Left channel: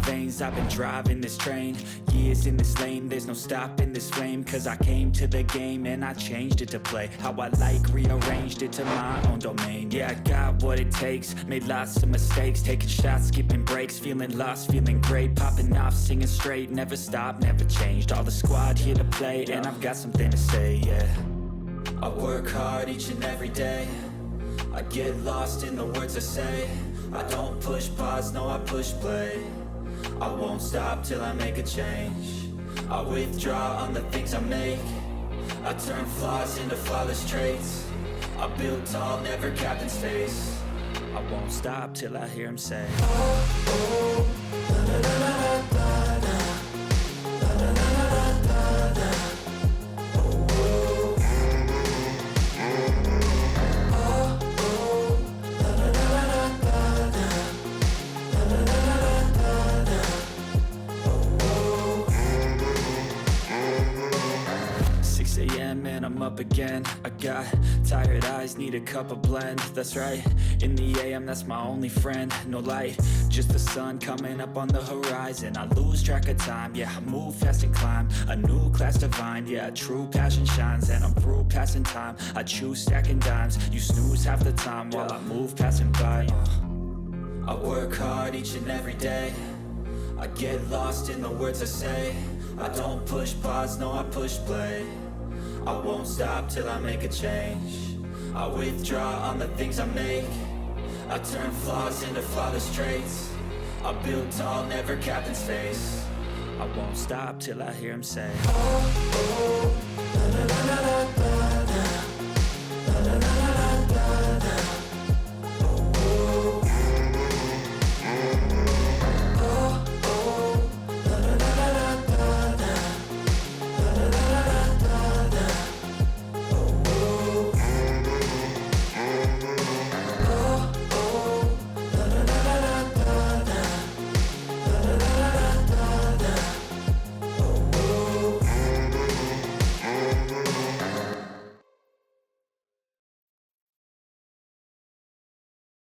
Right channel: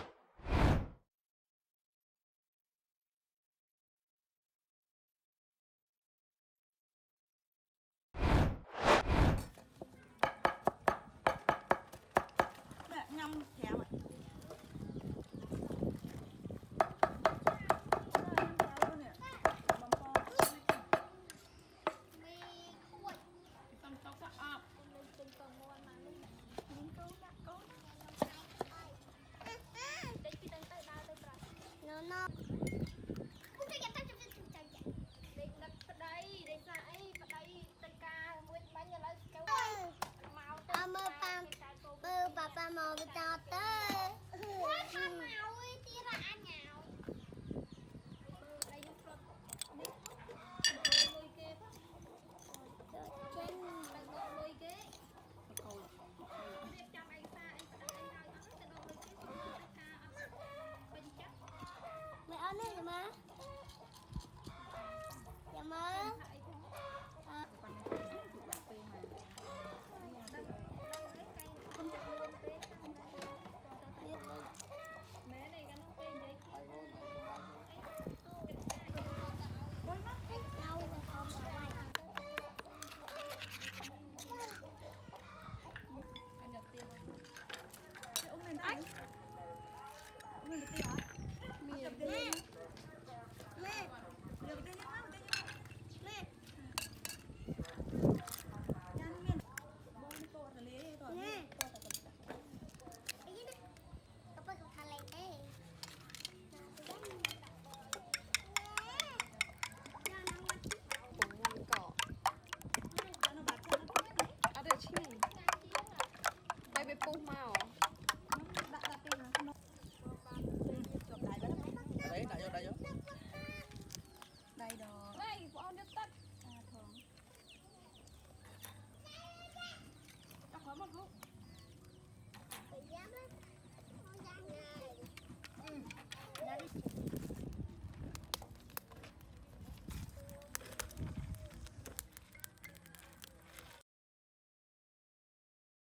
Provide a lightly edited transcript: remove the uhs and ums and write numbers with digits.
veins, I've been driving this train. Years in this lane, there's no stopping this flame. Cause I came to the game and I changed it to play how I like, rearranged it to my own domain. Yeah, I got what it takes, made lots of mistakes, taking shots, skipping breaks, feeling lost, feeling great, popping off, singing straight, never stopped, never changed. All the squad here to play and I've got something to say, yeah. I work hard each and every day, I get lost in the words I say. I don't push pause, no I push play. I won't stop till I make a change. I withdraw on the things I make. I turn flaws into flawless traits. I build tall, never capped in space. I won't stop till I hear him say, oh, oh, da, da, da, da, da, da, da, da, da, da, da. Up again, I got tired eyes, need a cup of blend. That's right, in the AM, that's my only friend. No light, just the sun coming up on the horizon. I lose track of time, yeah, I move fast and climb a new class divine. Yeah, true passion shines and I'm through passing time. I choose stacking dimes, you snooze half the time while I move passing by. I work hard each and every day, I get lost in the words I say. I don't push pause, no I push play. I won't stop till I make a change. I withdraw on the things I make. I turn flaws into flawless traits. I build tall, never capped in space. I won't stop till I hear him say, oh, oh, da, da, da, da, da.